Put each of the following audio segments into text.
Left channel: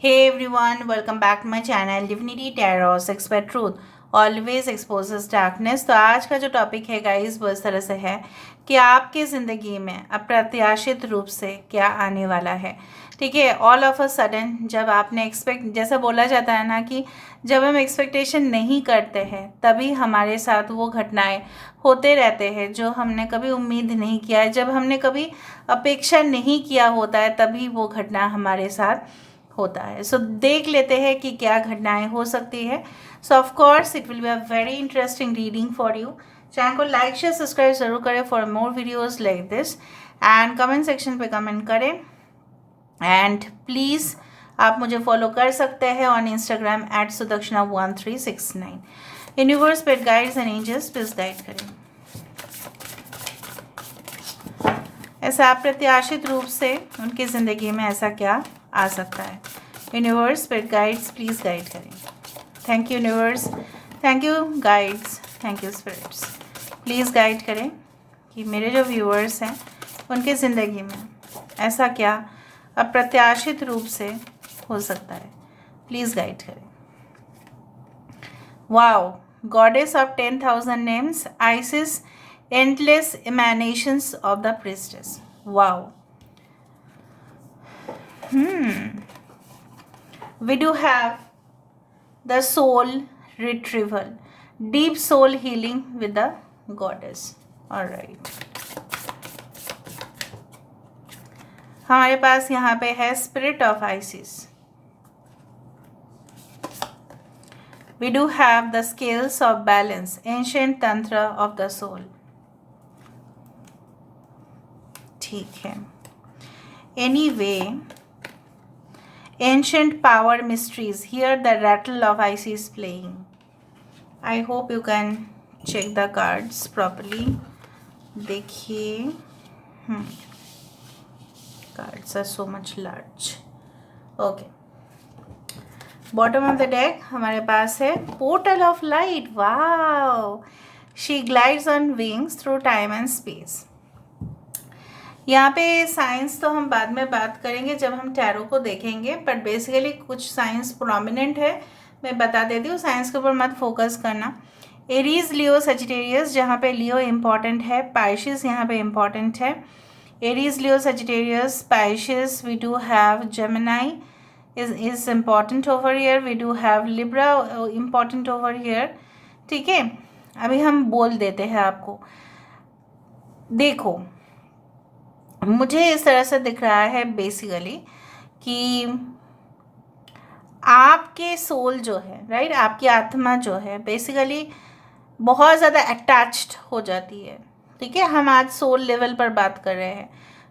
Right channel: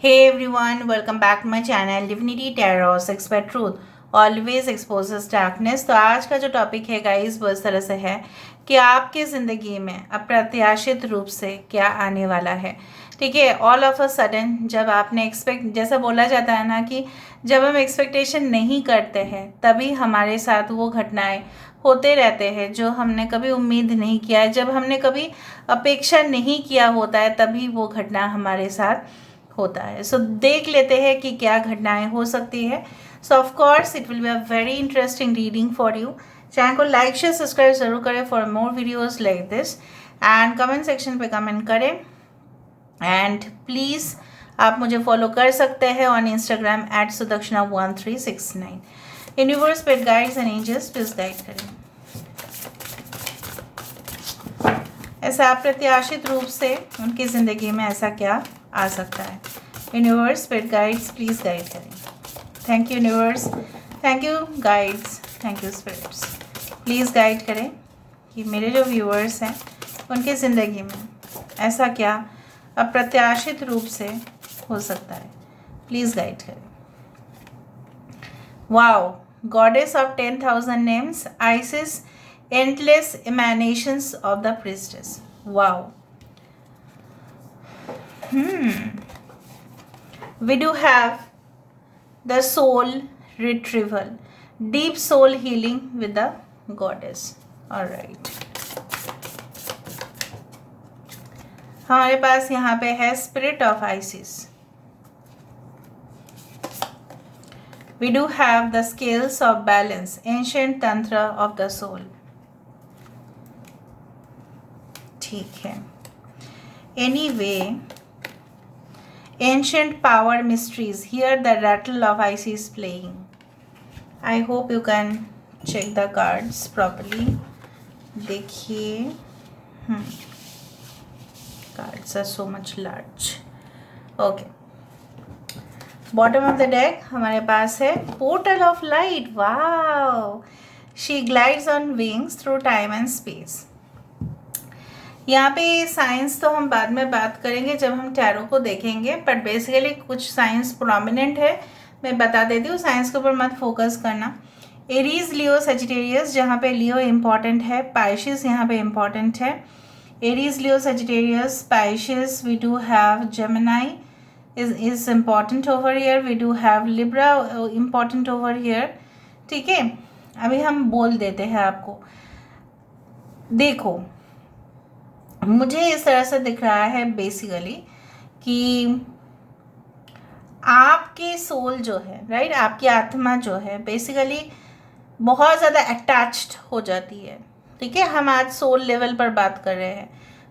Hey everyone, welcome back to my channel Divinity Tarot Expert Truth Always Exposes Darkness। तो आज का जो topic है गाइस वो इस तरह से है कि आपकी ज़िंदगी में अप्रत्याशित रूप से क्या आने वाला है। ठीक है, ऑल ऑफ अ सडन जब आपने जैसा बोला जाता है ना कि जब हम एक्सपेक्टेशन नहीं करते हैं तभी हमारे साथ वो घटनाएं होते रहते हैं जो हमने कभी उम्मीद नहीं किया है। जब हमने कभी अपेक्षा नहीं किया होता है तभी वो घटना हमारे साथ होता है। सो देख लेते हैं कि क्या घटनाएं हो सकती है। So of course it will be a very interesting reading for you. Channel को लाइक शेयर सब्सक्राइब जरूर करें for more videos like this, and comment section पे कमेंट करें। एंड प्लीज़ आप मुझे फॉलो कर सकते हैं ऑन इंस्टाग्राम @sudakshana1369। यूनिवर्स पेट guides and angels please guide करें। ऐसा अप्रत्याशित रूप से उनकी ज़िंदगी में ऐसा क्या आ सकता है। Universe spirit guides please guide करें। Thank you universe, thank you guides, thank you spirits. Please guide करें कि मेरे जो व्यूअर्स हैं उनके ज़िंदगी में ऐसा क्या अप्रत्याशित रूप से हो सकता है। प्लीज़ गाइड करें। Wow, goddess of 10,000 names, ISIS, endless emanations of the priestess. Wow. We do have the soul retrieval, deep soul healing with the goddess. All right. हमारे पास यहाँ पे है spirit of Isis. We do have the scales of balance, ancient tantra of the soul. ठीक है। Anyway, ancient power mysteries. Here the rattle of Isis playing. I hope you can check the cards properly. देखिए, cards are so much large. Okay. Bottom of the deck हमारे पास है Portal of Light. Wow. She glides on wings through time and space. यहाँ पे science तो हम बाद में बात करेंगे जब हम टैरो को देखेंगे, बट बेसिकली कुछ साइंस प्रोमिनेंट है, मैं बता देती हूँ। साइंस के ऊपर मत फोकस करना। एरीज, लियो, सजिटेरियस, जहाँ पे लियो इम्पॉर्टेंट है, पाइशिस यहाँ पे इम्पॉर्टेंट है। Aries, Leo, Sagittarius, Pisces, we do have Gemini is important over here, we do have Libra important over here। ठीक है, अभी हम बोल देते हैं आपको। देखो, मुझे इस तरह से दिख रहा है बेसिकली कि आपके सोल जो है, राइट, आपकी आत्मा जो है बेसिकली बहुत ज़्यादा अटैच्ड हो जाती है। ठीक है, हम आज सोल लेवल पर बात कर रहे हैं।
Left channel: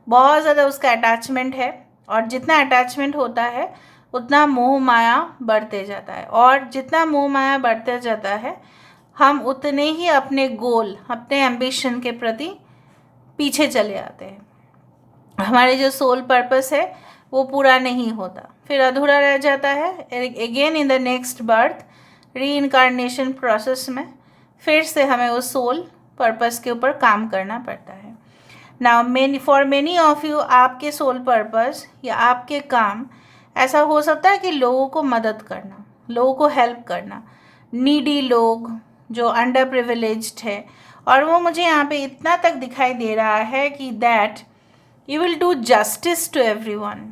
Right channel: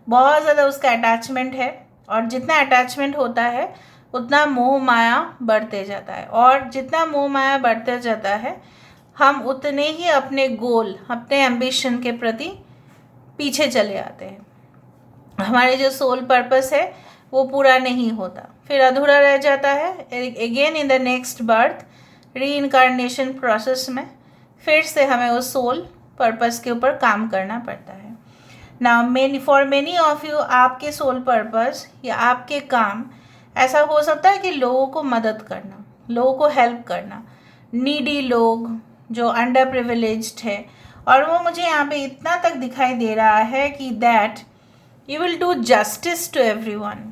बहुत ज़्यादा उसका अटैचमेंट है, और जितना अटैचमेंट होता है उतना मोह माया बढ़ते जाता है, और जितना मोह माया बढ़ते जाता है हम उतने ही अपने गोल, अपने एम्बिशन के प्रति पीछे चले आते हैं। हमारे जो सोल पर्पस है वो पूरा नहीं होता, फिर अधूरा रह जाता है। Again in the next birth, री इनकारनेशन प्रोसेस में फिर से हमें उस सोल पर्पस के ऊपर काम करना पड़ता है। Now for many of you, आपके सोल पर्पस या आपके काम ऐसा हो सकता है कि लोगों को मदद करना, लोगों को हेल्प करना, नीडी लोग जो अंडर प्रिविलेज्ड है। और वो मुझे यहाँ पे इतना तक दिखाई दे रहा है कि that you will do justice to everyone.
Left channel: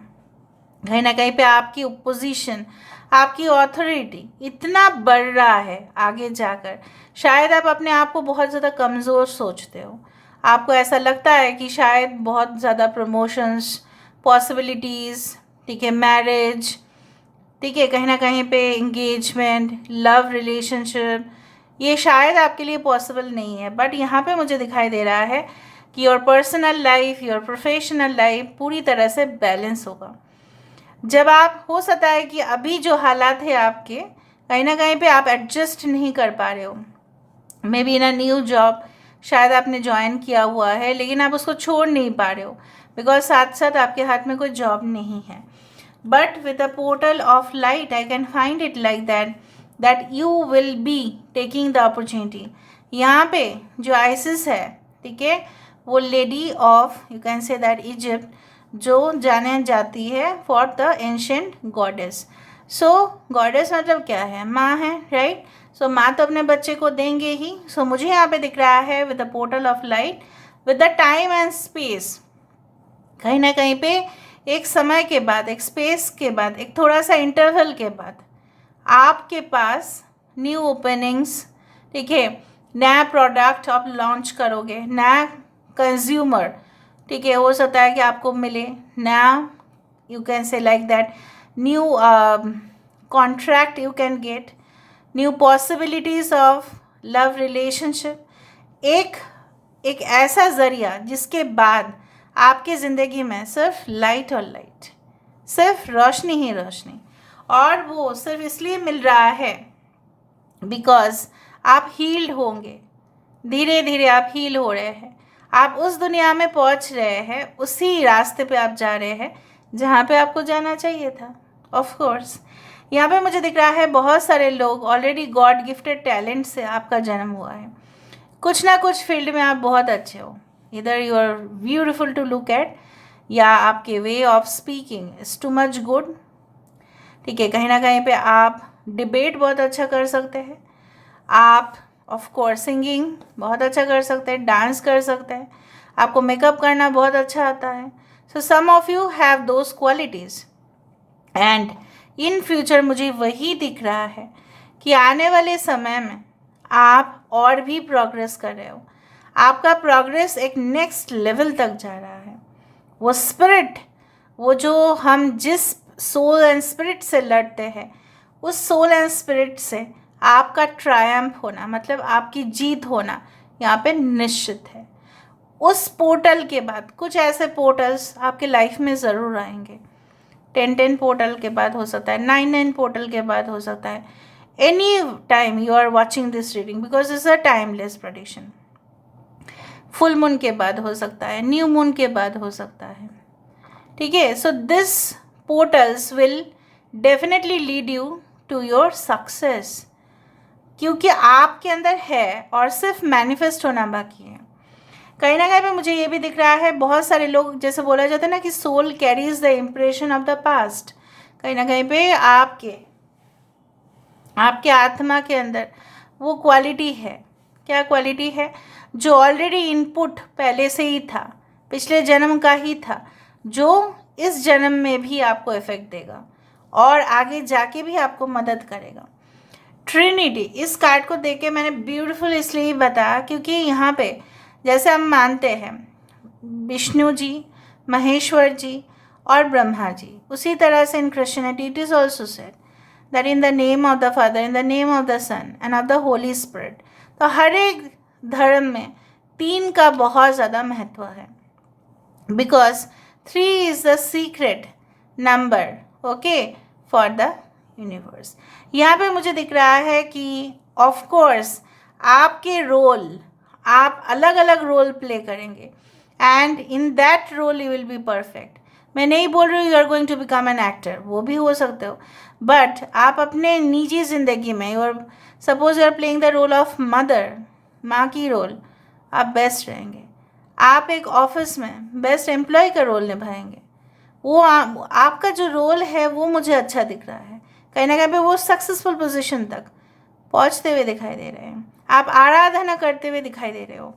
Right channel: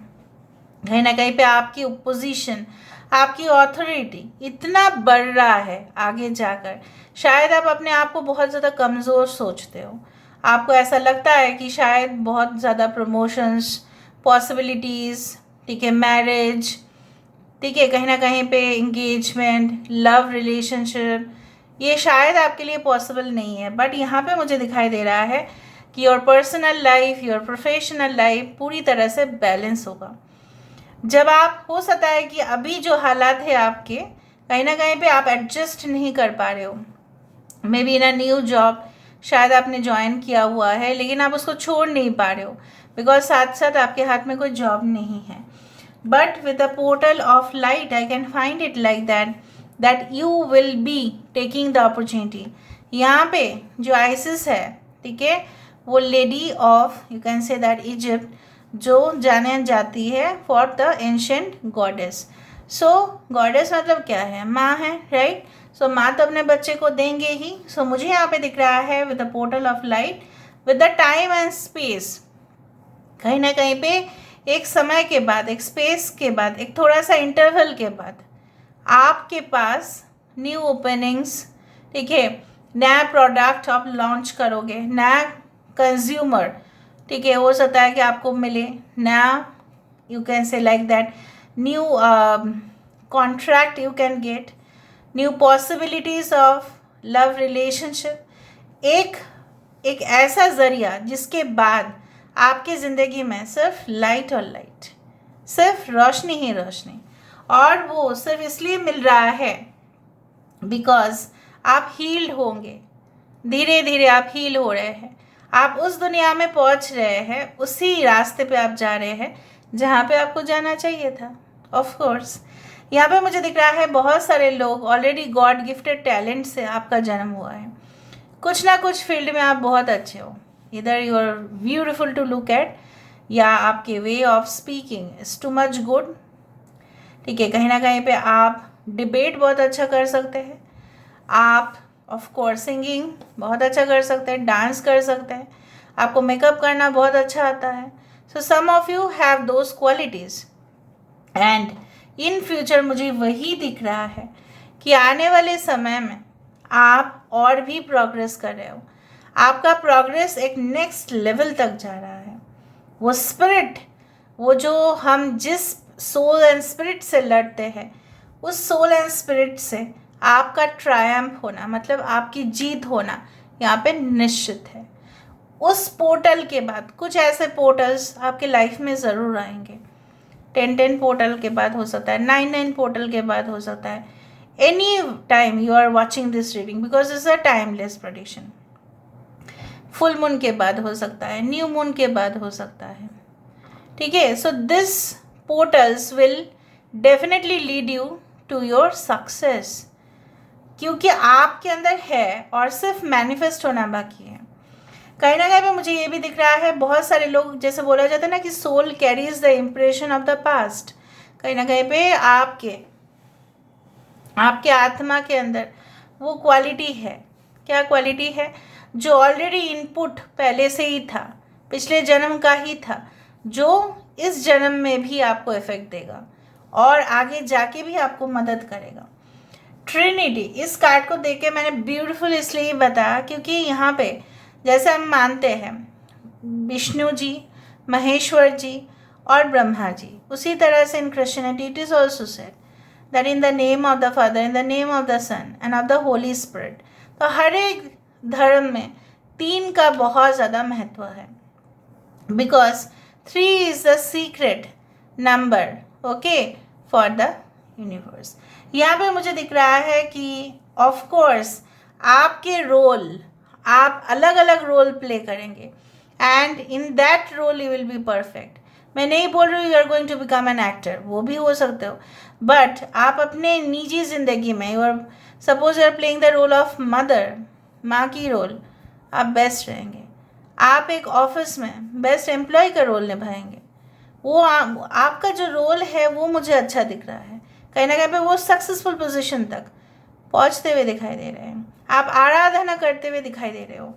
कहीं ना कहीं पे आपकी पोजीशन, आपकी ऑथोरिटी इतना बढ़ रहा है आगे जाकर। शायद आप अपने आप को बहुत ज़्यादा कमज़ोर सोचते हो, आपको ऐसा लगता है कि शायद बहुत ज़्यादा प्रमोशंस, पॉसिबिलिटीज़, ठीक है, मैरिज, ठीक है, कहीं ना कहीं पे एंगेजमेंट, लव रिलेशनशिप, ये शायद आपके लिए पॉसिबल नहीं है। बट यहाँ पे मुझे दिखाई दे रहा है कि your personal life, your professional life पूरी तरह से बैलेंस होगा। जब आप, हो सकता है कि अभी जो हालात है आपके, कहीं ना कहीं पे आप एडजस्ट नहीं कर पा रहे हो। May be in a new job शायद आपने ज्वाइन किया हुआ है, लेकिन आप उसको छोड़ नहीं पा रहे हो बिकॉज साथ साथ आपके हाथ में कोई जॉब नहीं है। But with the portal of light I can find it like that you will be taking the opportunity. यहाँ पे जो आइसिस है, ठीक है, वो lady of, you can say that Egypt, जो जाने जाती है for the ancient goddess. So goddess मतलब क्या है? माँ है, राइट। सो माँ तो अपने बच्चे को देंगे ही। सो मुझे यहाँ पे दिख रहा है with the portal of light, with the time and space. कहीं ना कहीं पे एक समय के बाद, एक स्पेस के बाद, एक थोड़ा सा इंटरवल के बाद आपके पास न्यू ओपनिंग्स, ठीक है, नया प्रोडक्ट आप लॉन्च करोगे, नया कंज्यूमर, ठीक है, हो सकता है कि आपको मिले नया, you can say like that, new contract you can get, new possibilities of love relationship. एक एक ऐसा ज़रिया जिसके बाद आपकी ज़िंदगी में सिर्फ लाइट और लाइट, सिर्फ रोशनी ही रोशनी, और वो सिर्फ इसलिए मिल रहा है बिकॉज आप हील्ड होंगे। धीरे धीरे आप हील हो रहे हैं, आप उस दुनिया में पहुंच रहे हैं, उसी रास्ते पे आप जा रहे हैं जहाँ पे आपको जाना चाहिए था। ऑफ कोर्स यहाँ पे मुझे दिख रहा है बहुत सारे लोग ऑलरेडी गॉड गिफ्टेड टैलेंट से आपका जन्म हुआ है। कुछ ना कुछ फील्ड में आप बहुत अच्छे हो, इधर you are beautiful to look at, या आपके way of speaking is too much good, ठीक है। कहीं ना कहीं पे आप डिबेट बहुत अच्छा कर सकते हैं, आप ऑफ कोर्स सिंगिंग बहुत अच्छा कर सकते हैं, डांस कर सकते हैं, आपको मेकअप करना बहुत अच्छा आता है। So some of you have those qualities, and in future मुझे वही दिख रहा है कि आने वाले समय में आप और भी प्रोग्रेस कर रहे हो, आपका प्रोग्रेस एक नेक्स्ट लेवल तक जा रहा है। वो स्पिरिट, वो जो हम जिस सोल एंड स्पिरिट से लड़ते हैं, उस सोल एंड स्पिरिट से आपका ट्रायम्फ होना, मतलब आपकी जीत होना यहाँ पे निश्चित है। उस पोर्टल के बाद कुछ ऐसे पोर्टल्स आपके लाइफ में ज़रूर आएंगे। 10 पोर्टल के बाद हो सकता है, 9 पोर्टल के बाद हो सकता है, any time you are watching this reading, because it's a timeless prediction. Full moon के बाद हो सकता है, न्यू मून के बाद हो सकता है, ठीक है। So this portals will definitely lead you to your success, क्योंकि आपके अंदर है और सिर्फ मैनिफेस्ट होना बाकी है। कहीं ना कहीं पे मुझे ये भी दिख रहा है, बहुत सारे लोग, जैसे बोला जाता है ना कि soul carries the impression of the past, कहीं ना कहीं पे आपके आत्मा के अंदर वो क्वालिटी है। क्या क्वालिटी है? जो ऑलरेडी इनपुट पहले से ही था, पिछले जन्म का ही था, जो इस जन्म में भी आपको इफेक्ट देगा और आगे जाके भी आपको मदद करेगा। ट्रिनिटी, इस कार्ड को देख के मैंने ब्यूटीफुल इसलिए बताया क्योंकि यहाँ पे जैसे हम मानते हैं विष्णु जी, महेश्वर जी और ब्रह्मा जी, उसी तरह से in Christianity it is also said that in the name of the Father, in the name of the Son and of the Holy Spirit. तो हर एक धर्म में 3 का बहुत ज़्यादा महत्व है, because 3 is the secret number, okay, for the universe. यहाँ पे मुझे दिख रहा है कि ऑफ कोर्स आपके रोल, आप अलग अलग रोल प्ले करेंगे and in that role you will be perfect. मैं नहीं बोल रही हूँ you are going to become an actor, वो भी हो सकते हो, बट आप अपने निजी ज़िंदगी में, you are suppose you are playing the role of mother, माँ की रोल, आप बेस्ट रहेंगे। आप एक ऑफिस में बेस्ट एम्प्लॉय का रोल निभाएंगे, वो आपका जो रोल है वो मुझे अच्छा दिख रहा है। कहीं ना कहीं पे वो सक्सेसफुल पोजीशन तक पहुंचते हुए दिखाई दे रहे हैं, आप आराधना करते हुए दिखाई दे रहे हो,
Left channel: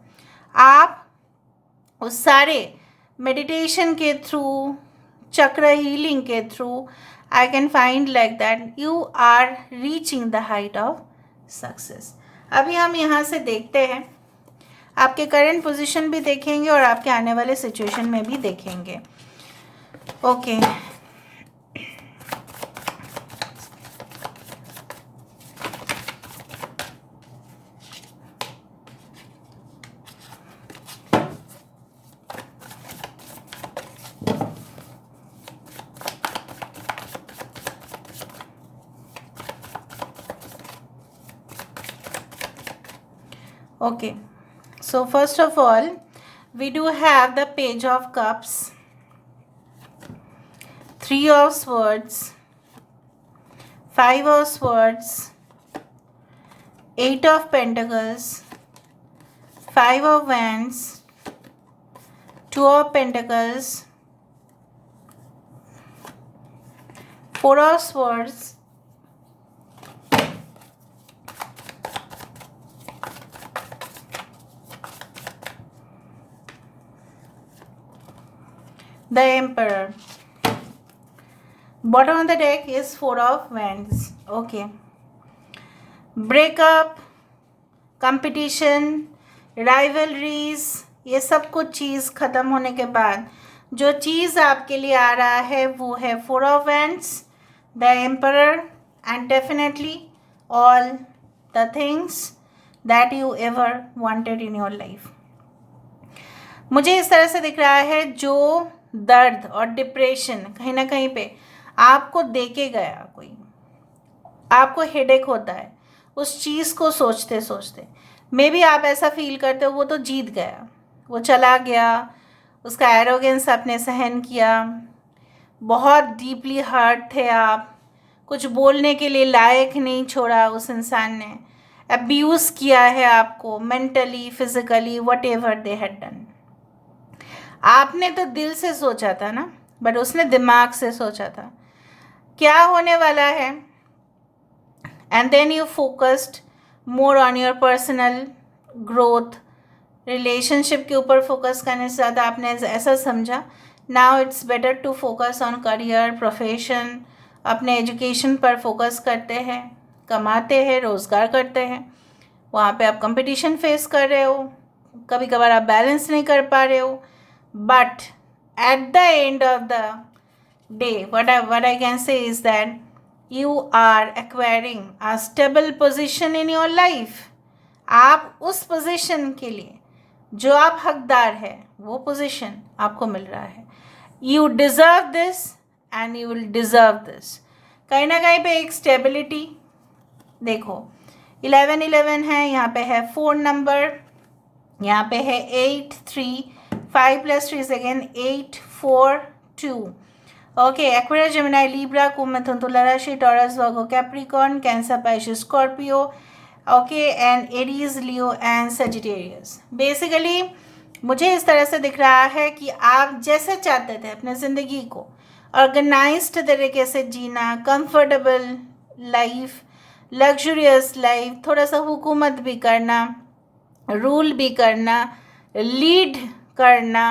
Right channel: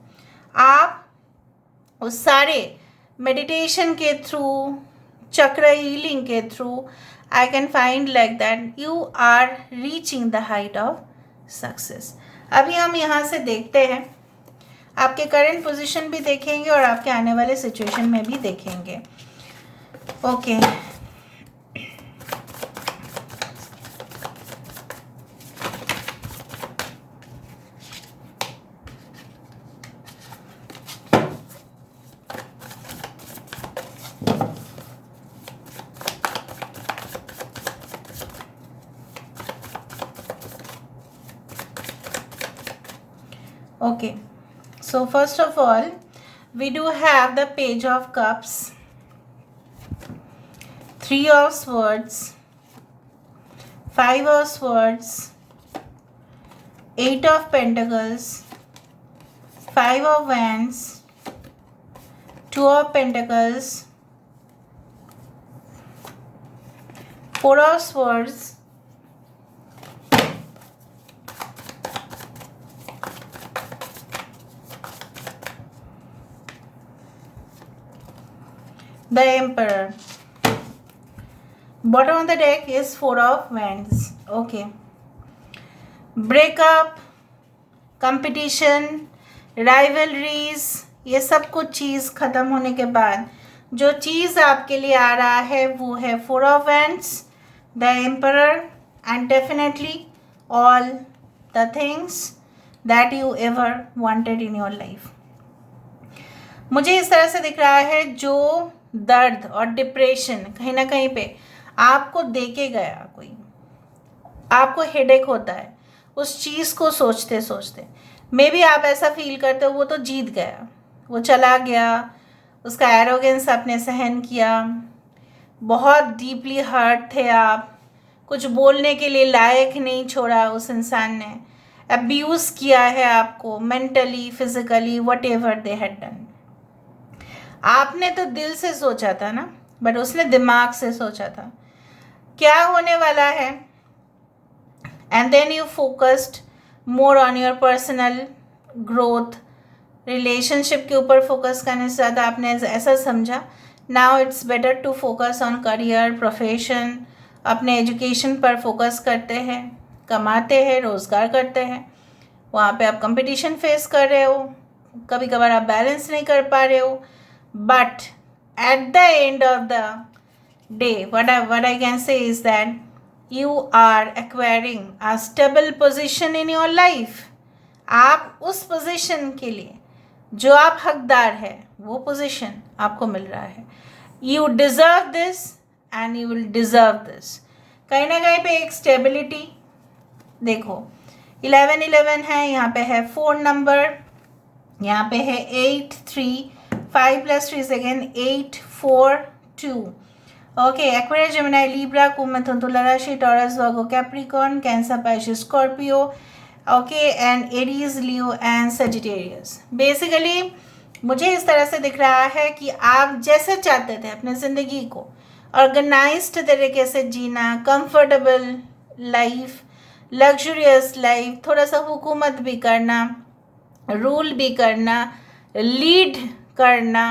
आप उस सारे मेडिटेशन के थ्रू, चक्र हीलिंग के through, I can find like that you are reaching the height of success. अभी हम यहाँ से देखते हैं, आपके करंट पोजीशन भी देखेंगे और आपके आने वाले सिचुएशन में भी देखेंगे। Okay Okay, so first of all, we do have the Page of Cups, 3 of Swords, 5 of Swords, 8 of Pentacles, 5 of Wands, 2 of Pentacles, Four of Swords, the Emperor. Bottom of the deck is Four of Wands. Okay. Breakup, competition, rivalries, ये सब कुछ चीज़ ख़त्म होने के बाद जो चीज़ आपके लिए आ रहा है वो है four of wands, the emperor, and definitely all the things that you ever wanted in your life. मुझे इस तरह से दिख रहा है जो दर्द और डिप्रेशन कहीं ना कहीं पे आपको देके गया, कोई आपको हेडेक होता है उस चीज़ को सोचते सोचते, मे बी आप ऐसा फील करते हो वो तो जीत गया, वो चला गया, उसका एरोगेंस आपने सहन किया, बहुत डीपली हर्ट थे आप, कुछ बोलने के लिए लायक नहीं छोड़ा उस इंसान ने, अब्यूज़ किया है आपको mentally, physically, what ever they had done. आपने तो दिल से सोचा था ना, बट उसने दिमाग से सोचा था क्या होने वाला है, and then you focused more on your personal growth. Relationship के ऊपर फोकस करने से ज़्यादा आपने ऐसा समझा now it's better to focus on career, profession, अपने एजुकेशन पर फोकस करते हैं, कमाते हैं, रोज़गार करते हैं. वहाँ पे आप कंपटीशन फेस कर रहे हो, कभी कभार आप बैलेंस नहीं कर पा रहे हो, but at the end of the day what I can say is that you are acquiring a stable position in your life. आप उस पोजीशन के लिए जो आप हकदार है वो पोजीशन आपको मिल रहा है. You deserve this and you will deserve this. कहीं ना कहीं पे एक स्टेबिलिटी देखो, 11 है, यहाँ पे है 4 नंबर, यहाँ पे है 8 3, 5 + 3 again 8 4 2. Okay. Aquarius, Gemini, Libra, कुंभ, मिथुन, तुला राशि, Taurus, Virgo, Capricorn, Cancer, Pisces, Scorpio, okay, and Aries, Leo and Sagittarius. Basically मुझे इस तरह से दिख रहा है कि आप जैसे चाहते थे अपने ज़िंदगी को ऑर्गेनाइज्ड तरीके से जीना, कंफर्टेबल लाइफ, लग्जरियस लाइफ, थोड़ा सा हुकूमत भी करना, रूल भी करना, लीड करना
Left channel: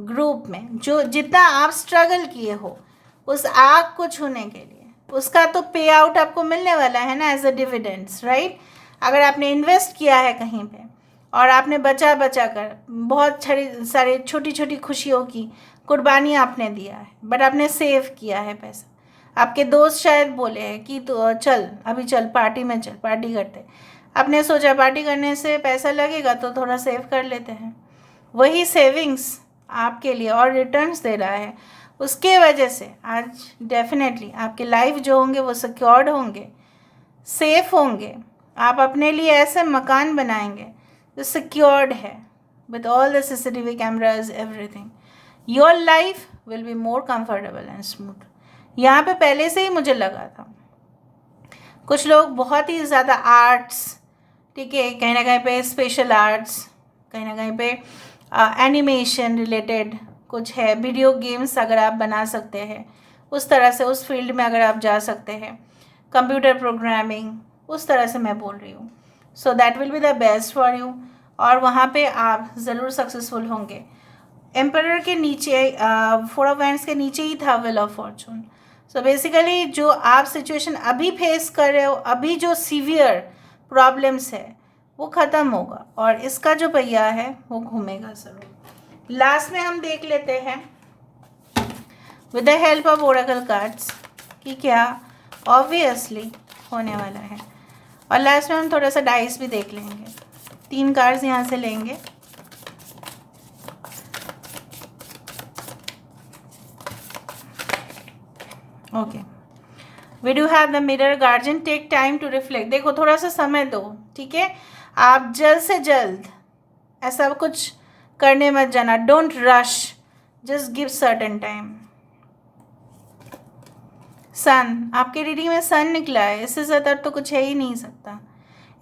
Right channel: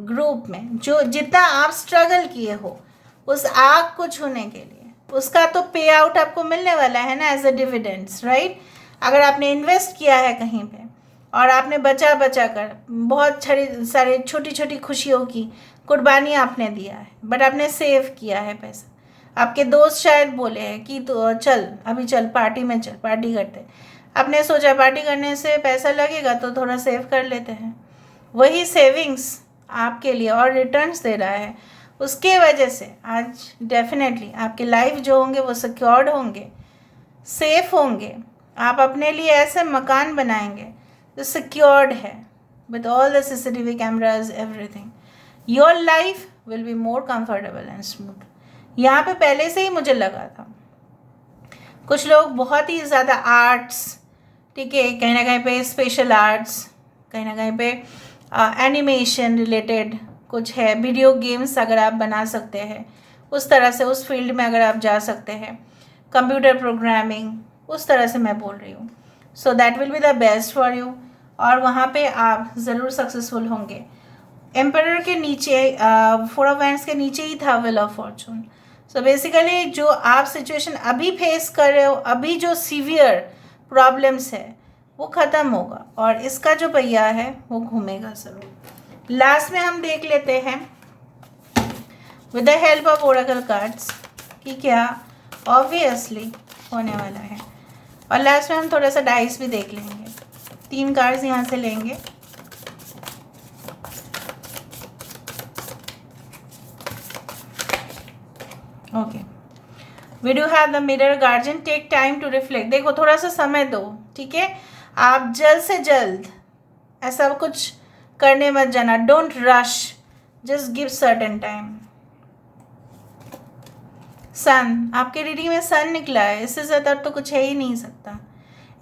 ग्रुप में, जो जितना आप स्ट्रगल किए हो उस आग को छूने के लिए उसका तो पे आउट आपको मिलने वाला है ना, एज अ डिविडेंड्स, राइट. अगर आपने इन्वेस्ट किया है कहीं पे और आपने बचा बचा कर बहुत सारे छोटी छोटी खुशियों की कुर्बानी आपने दिया है, बट आपने सेव किया है पैसा. आपके दोस्त शायद बोले हैं कि तो चल अभी चल पार्टी में चल, पार्टी करते. आपने सोचा पार्टी करने से पैसा लगेगा तो थोड़ा सेव कर लेते हैं. वही सेविंग्स आपके लिए और रिटर्न्स दे रहा है. उसके वजह से आज डेफिनेटली आपके लाइफ जो होंगे वो सिक्योर्ड होंगे, सेफ होंगे. आप अपने लिए ऐसे मकान बनाएंगे जो सिक्योर्ड है with all the CCTV cameras, everything. Your life will be more comfortable and smooth. यहाँ पे पहले से ही मुझे लगा था कुछ लोग बहुत ही ज़्यादा आर्ट्स, ठीक है, कहीं ना कहीं पे स्पेशल आर्ट्स, कहीं ना कहीं पे एनिमेशन रिलेटेड कुछ है, वीडियो गेम्स अगर आप बना सकते हैं उस तरह से, उस फील्ड में अगर आप जा सकते हैं, कंप्यूटर प्रोग्रामिंग, उस तरह से मैं बोल रही हूँ. So that will be the best for you और वहाँ पे आप ज़रूर सक्सेसफुल होंगे. एम्परर के नीचे, फोर ऑफ वैंड्स के नीचे ही था wheel of Fortune. So basically जो आप सिचुएशन अभी फेस कर रहे हो, अभी जो सीवियर प्रॉब्लम्स है वो ख़त्म होगा और इसका जो पहिया है वो घूमेगा ज़रूर. लास्ट में हम देख लेते हैं with the help of Oracle cards कि क्या ऑब्वियसली होने वाला है. और लास्ट में हम थोड़ा सा डाइस भी देख लेंगे. 3 कार्ड्स यहाँ से लेंगे. Okay. We do have the mirror. Guardian, take time to reflect. देखो थोड़ा सा समय दो, ठीक है. आप जल्द से जल्द ऐसा कुछ करने मत जाना. Don't rush, just give certain time. Son, आपके रीडिंग में सन निकला है, इससे ज़्यादा तो कुछ है ही नहीं सकता.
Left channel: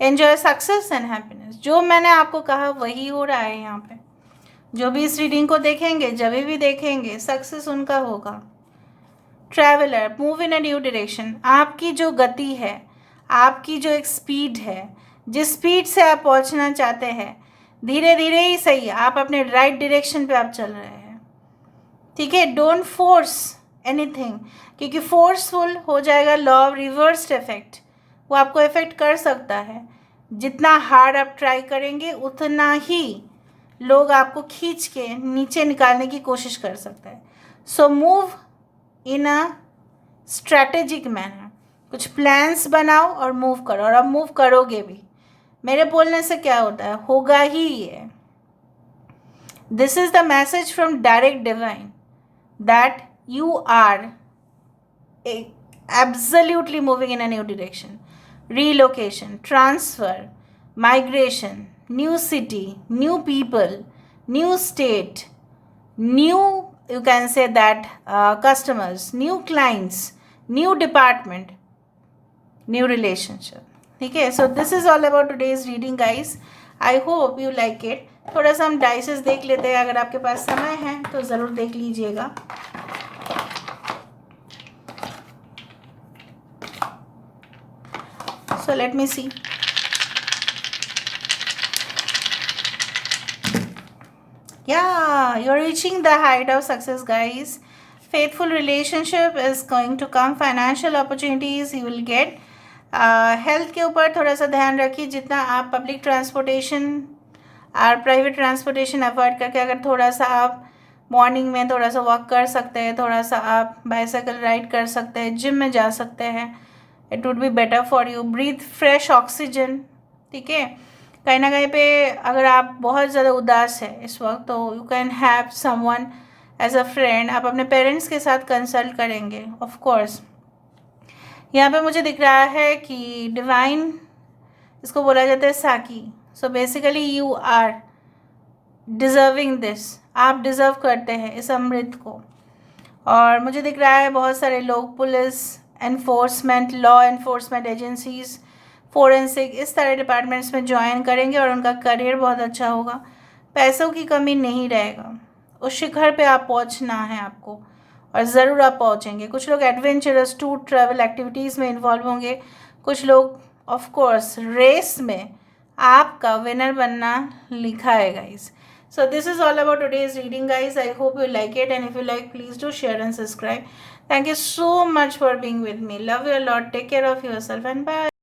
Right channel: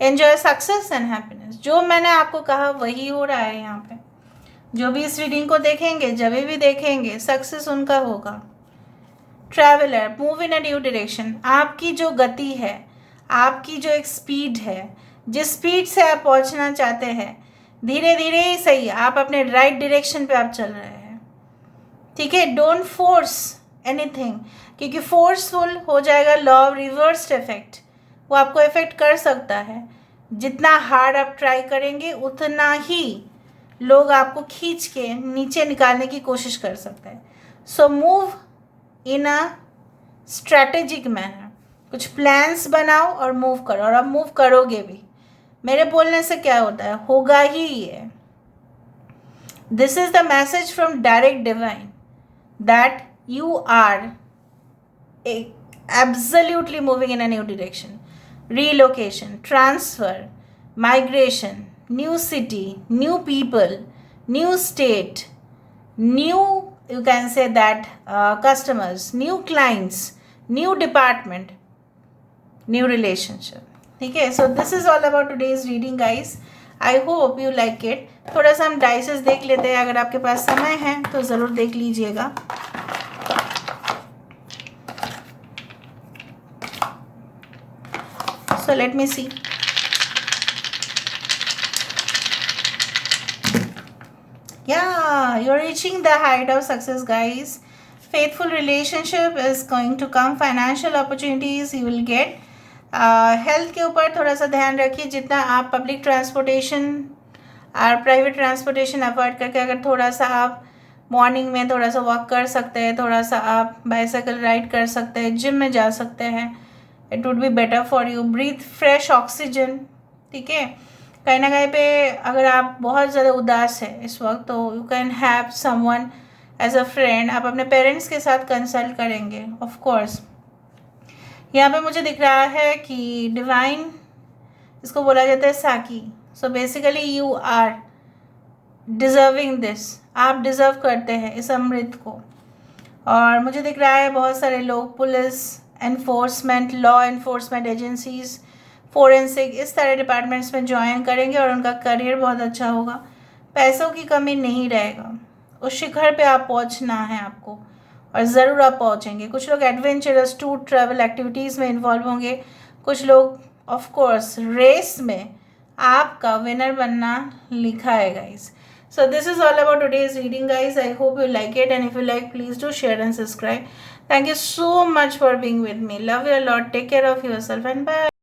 Enjoy success and happiness. जो मैंने आपको कहा वही हो रहा है यहाँ पे. जो भी इस रीडिंग को देखेंगे, जब भी देखेंगे, सक्सेस उनका होगा. Traveller, move in a new direction. आपकी जो गति है, आपकी जो एक स्पीड है, जिस स्पीड से आप पहुंचना चाहते हैं, धीरे धीरे ही सही, आप अपने राइट डायरेक्शन पे आप चल रहे हैं, ठीक है। डोंट फोर्स एनीथिंग, क्योंकि फोर्सफुल हो जाएगा लॉ ऑफ रिवर्स्ड इफेक्ट, वो आपको इफेक्ट कर सकता है। जितना हार्ड आप ट्राई करेंगे उतना ही लोग आपको खींच के नीचे निकालने की कोशिश कर सकते हैं। So move in a strategic manner, कुछ प्लान्स बनाओ और मूव करो, और अब मूव करोगे भी। मेरे बोलने से क्या होता है, होगा ही ये। This is the message from direct divine that you are absolutely moving in a new direction. Relocation, transfer, migration, new city, new people, new state, new, you can say that, customers, new clients, new department, new relationship. ठीक है, so this is all about today's reading guys. I hope you like it. थोड़ा सा हम dices देख लेते हैं, अगर आपके पास समय है तो ज़रूर देख लीजिएगा। So let me see. Yeah, you're reaching the height of success guys. Faithful relationship is going to come. Financial opportunities you will get. Health के ऊपर थोड़ा सा ध्यान रखिए। जितना आप पब्लिक ट्रांसपोर्टेशन और प्राइवेट ट्रांसपोर्टेशन अवॉइड करके अगर थोड़ा सा आप मॉर्निंग में थोड़ा सा वॉक कर सकते हैं, थोड़ा सा आप बाइसाइकिल राइड कर सकते हैं, जिम में जा सकते हैं, it would be better for you. Breathe fresh oxygen, ठीक है। कहीं ना कहीं पे अगर आप बहुत ज़्यादा उदास है इस वक्त, तो you can have someone as a friend. आप अपने पेरेंट्स के साथ कंसल्ट करेंगे ऑफ कोर्स। यहाँ पे मुझे दिख रहा है कि डिवाइन, इसको बोला जाता है साकी। So basically you are deserving this, आप डिज़र्व करते हैं इस अमृत को। और मुझे दिख रहा है बहुत सारे लोग police enforcement, law enforcement agencies, forensic, इस तरह डिपार्टमेंट्स में ज्वाइन करेंगे और उनका करियर बहुत अच्छा होगा। पैसों की कमी नहीं रहेगा, उस शिखर पे आप पहुंचना है आपको, और ज़रूर आप पहुंचेंगे। कुछ लोग एडवेंचरस टूर ट्रैवल एक्टिविटीज़ में इन्वॉल्व होंगे, कुछ लोग ऑफ कोर्स रेस में आपका विनर बनना लिखा है guys. So this is all about today's reading guys. I hope you like it, and if you like, please do share and subscribe. Thank you so much for being with me. Love you a lot. Take care of yourself and bye.